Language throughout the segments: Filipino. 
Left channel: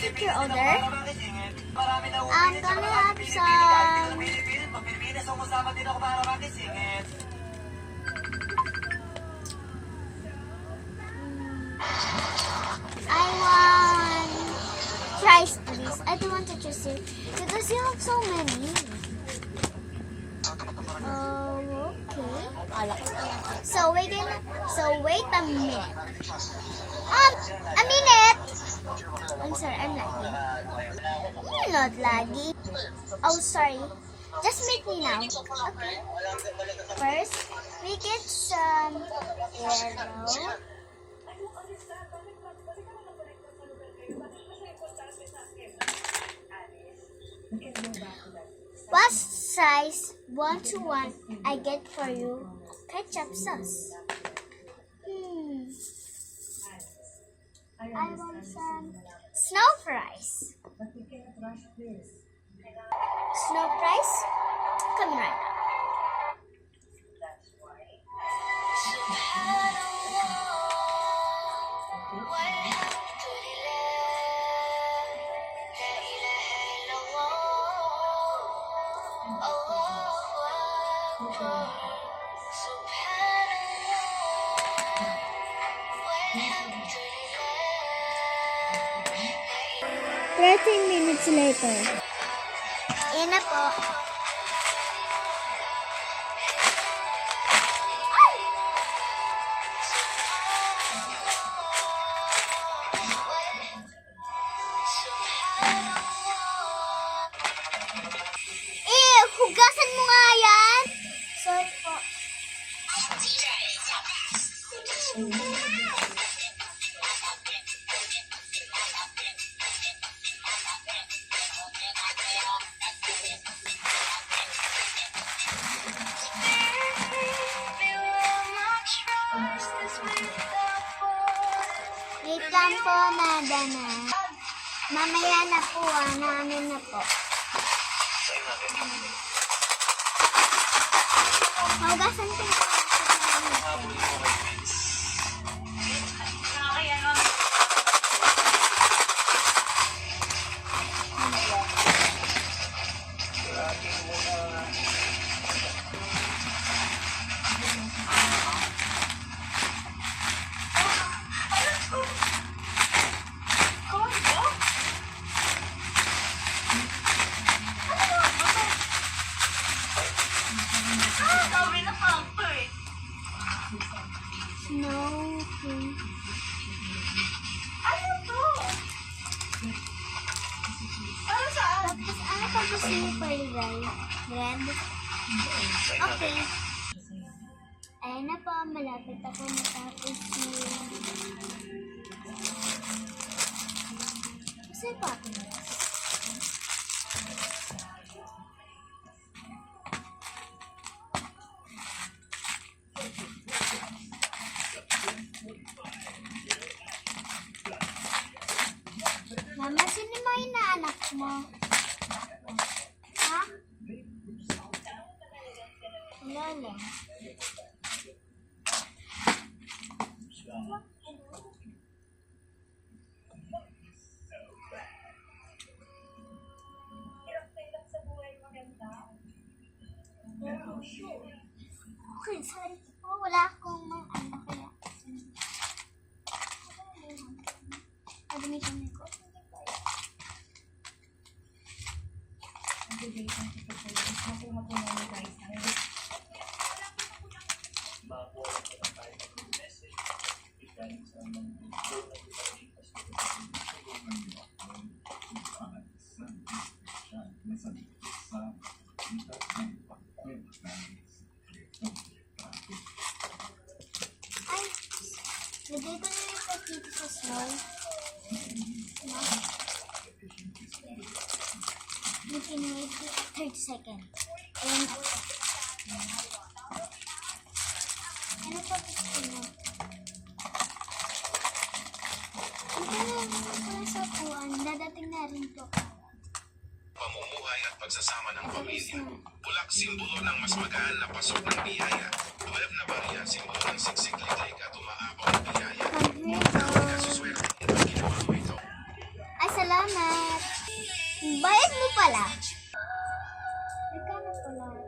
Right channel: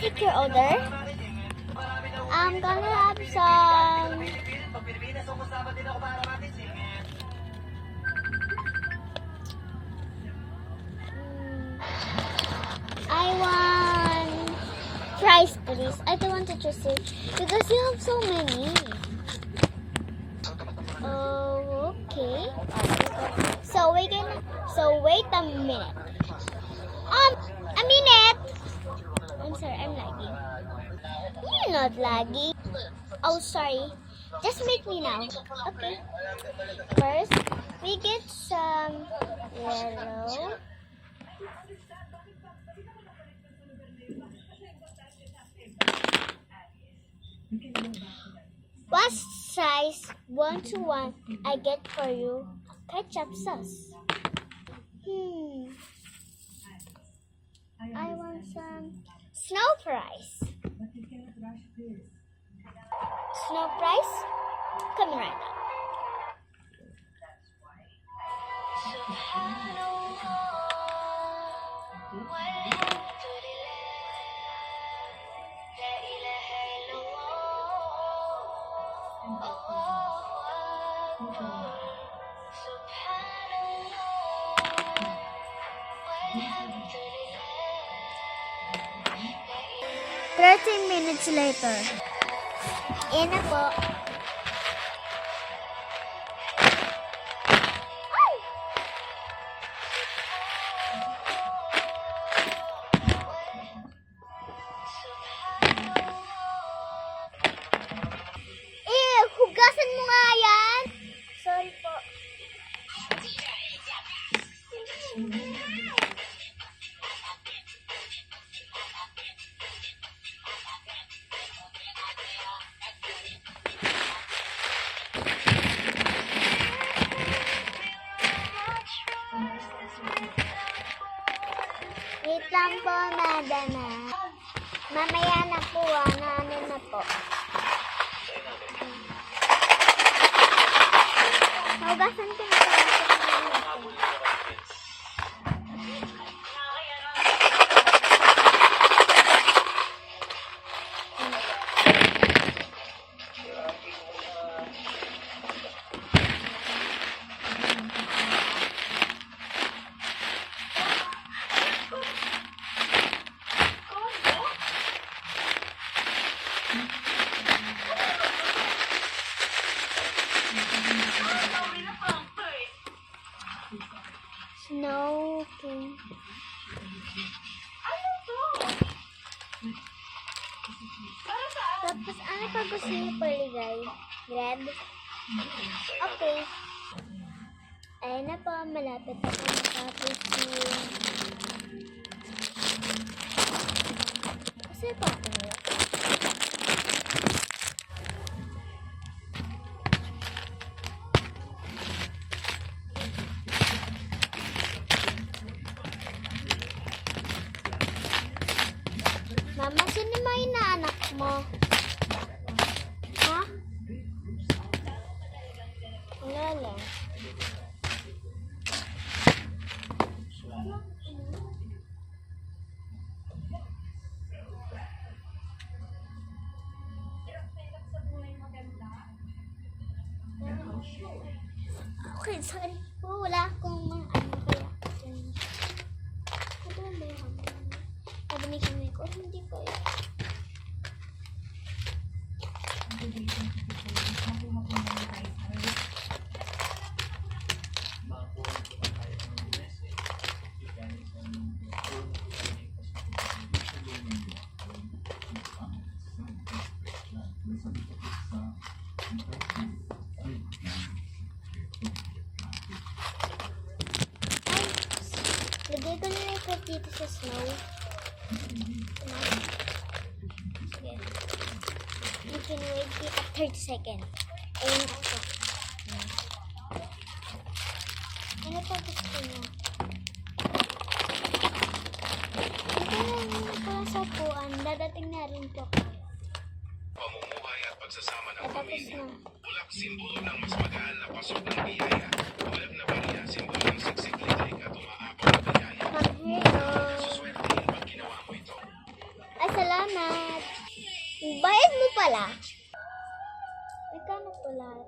take your order? I'm gonna have some... I want fries, please. I don't want to choose it because you have so many. Oh, okay. So wait a minute. A minute. I'm sorry, I'm lagging. You're not lagging. Oh, sorry. Just meet me now. Okay. First, we get some yellow. What size 1 to 1 I get for you? Ketchup sauce. I want some snow fries. Snow fries? Coming right now. Thirteen minutes later. Yan na po. Hugasan mo nga yan. Sorry po. Wait lang po, madana. Mamaya na po, naano na po. Hugasan ko na po. No, okay. Ano to? Para saan? Tapos ano pa gusto niyo palagay? Red? Okay. Ayan na po, malapit ako matapos yung... Kasi pa ako niyo. Mama, sino mo inaanak mo? Ha? Wala lang. Okay, saan po? Wala akong mga ano kaya. Ito na yung may kami ko. Hindi ko yun. Ay, lagay ko na yung card dito sa snow. You can wait at 30 seconds. Ayun ako. Ano pa gusto niyo? Ito na pala sa puan. Dadating na rin po kayo. Pamumuhay at pagsasama ng Tapos pamilya. na. Bulak, simbolo ng mas magaan na pasok ng biyaya. 12 na bariya, simbolo ng siksik liglig at umaabot ng biyaya. Come here, no. Suswerte at ginawa mo ito. Ay, salamat. Salamat. Bayad mo pala. Nagkano po lahat?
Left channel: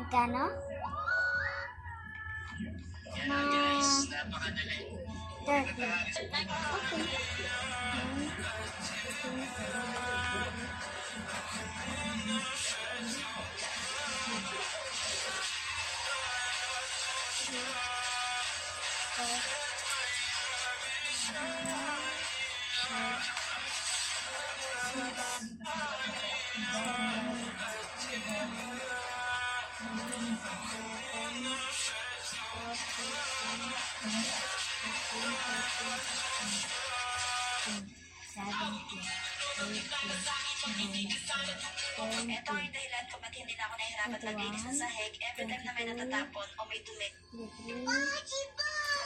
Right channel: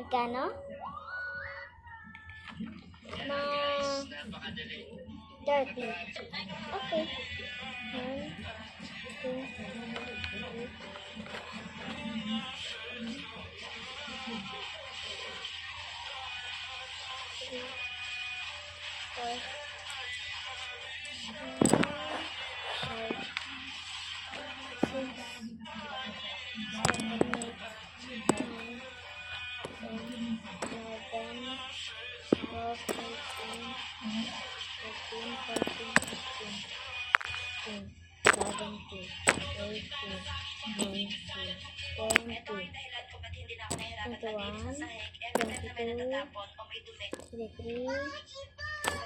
Nagkano? Ma... 30. Okay.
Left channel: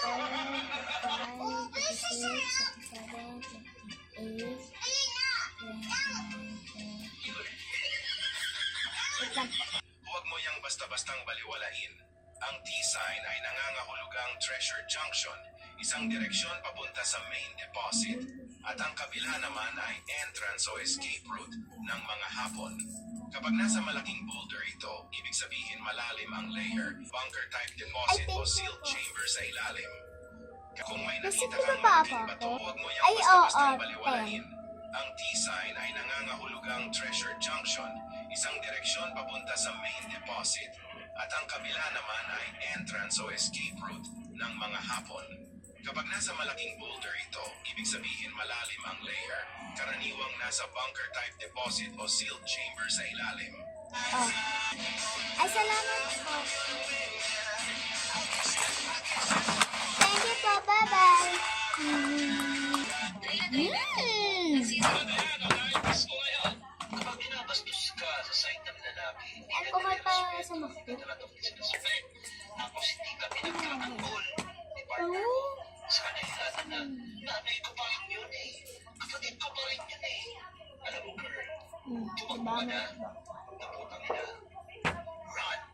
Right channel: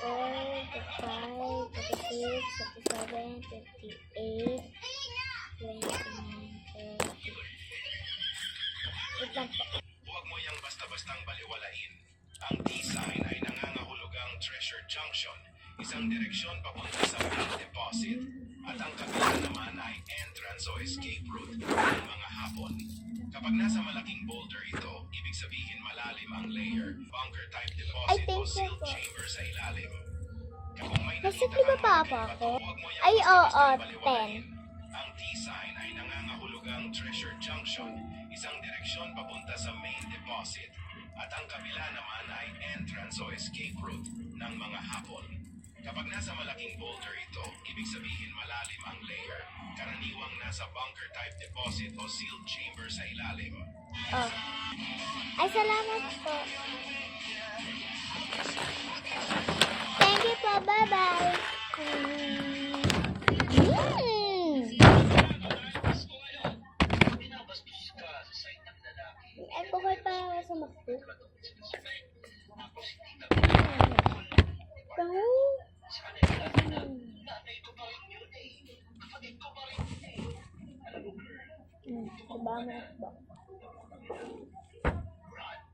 1, 2, 3, 4, 5, 6, Wait lang po. Huwag mo yang basta-bastang baliwalain. Ang T-sign ay nangangahulugang Treasure Junction, isang direksyon papunta sa main deposit, at ang kabila naman ay entrance o escape route ng mga hapon. Kapag nasa malaking boulder ito, ibig sabihin malalim ang layer, bunker-type deposit o sealed chamber sa ilalim. Kung may nakita Nasip kang ba pa malaking bato, ako? huwag mo yang Ay, basta-bastang oo, baliwalain. Ang T-sign ay nangangahulugang Treasure Junction, isang direksyon papunta sa main deposit, at ang kabila naman ay entrance o escape route ng mga hapon. Kapag nasa malaking boulder ito, ibig sabihin malalim ang layer, karaniwang nasa bunker-type deposit o sealed chamber sa ilalim. Oh. Ay, salamat po. Thank you po. Bye-bye. Alcohol pa lang sa makto. Diba mo ba?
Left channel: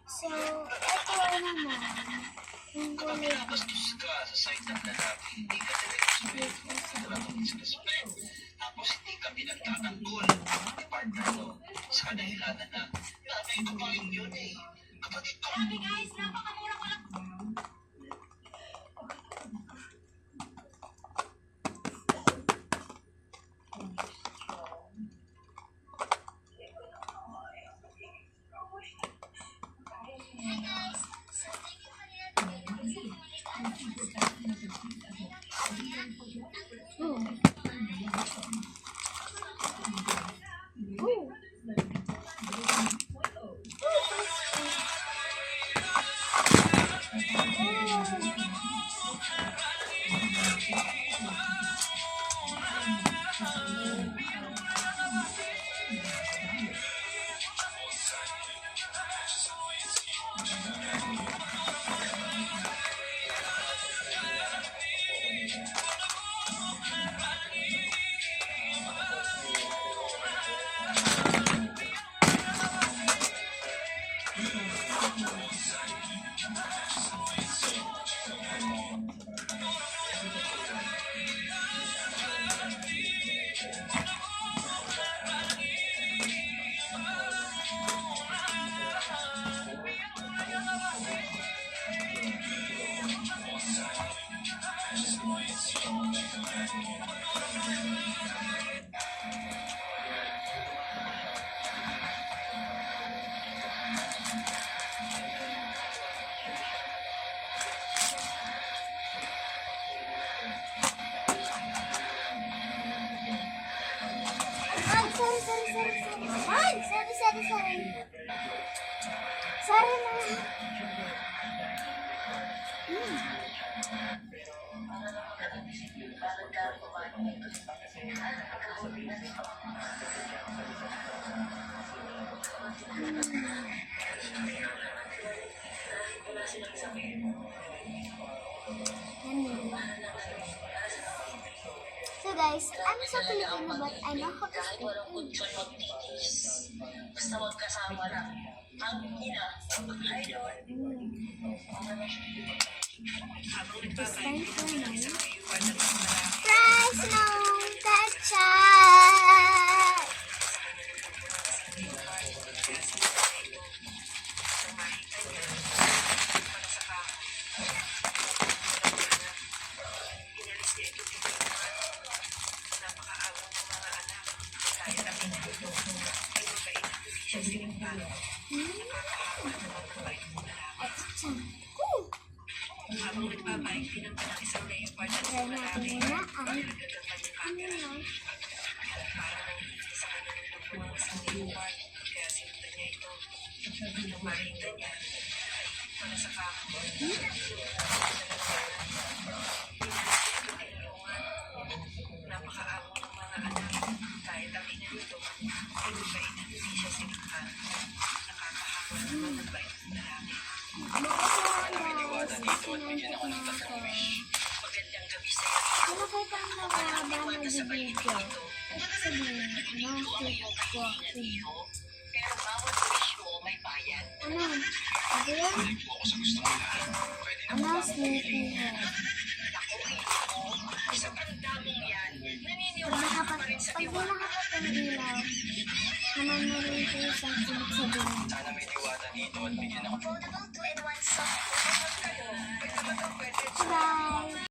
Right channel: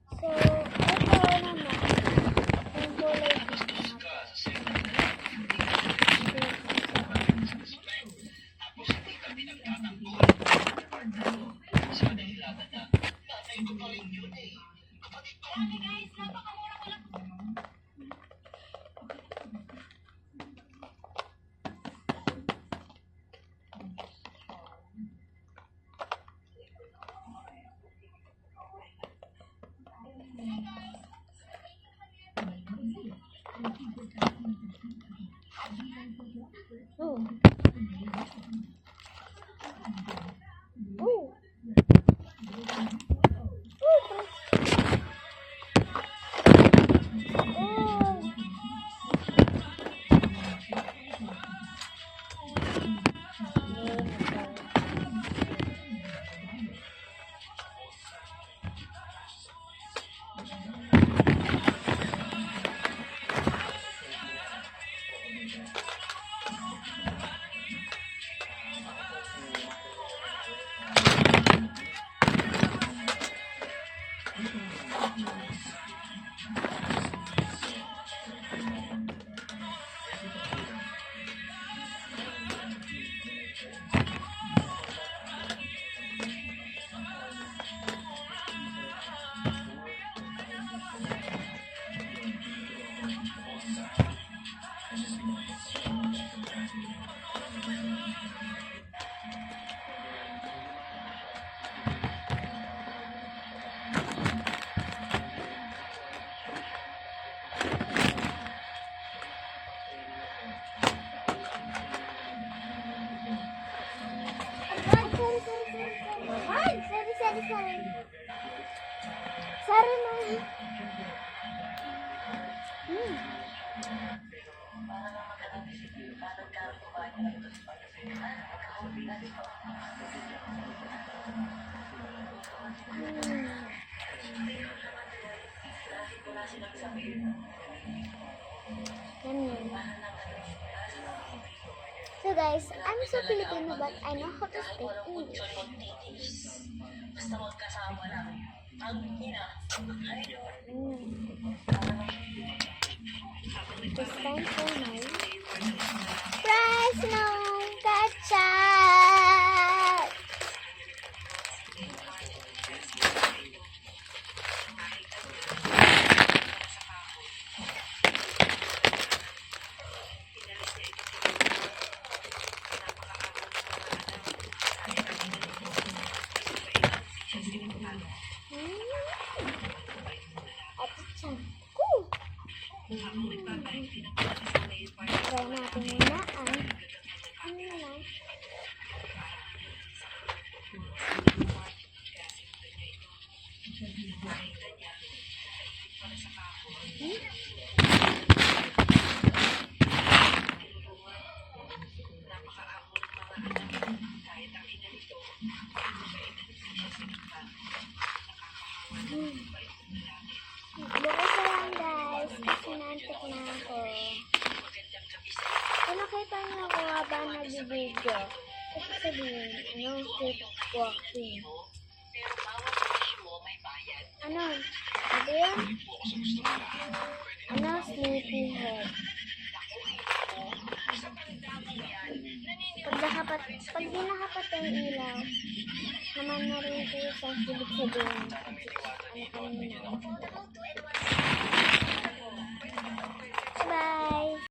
So, ito naman. Yung gulay dito. Ooh. Ooh. Sorry na. So guys, I'm so Filipino but I know how to speak English. basta magkasama lang. Ang ina, idol. It's time for my prize no gotcha. At tiyan ko. Try natin muna ang ano lang. Bukas na lang guys, kasi nantik na ako. Kung nakita mo ako habang nag-video, kasi sabihin, keep walking. Ano? Ano yan? Sleepyhead. Pag di nakapat ang ilaw, naman na rin ito isang ibig sabihin. Bye!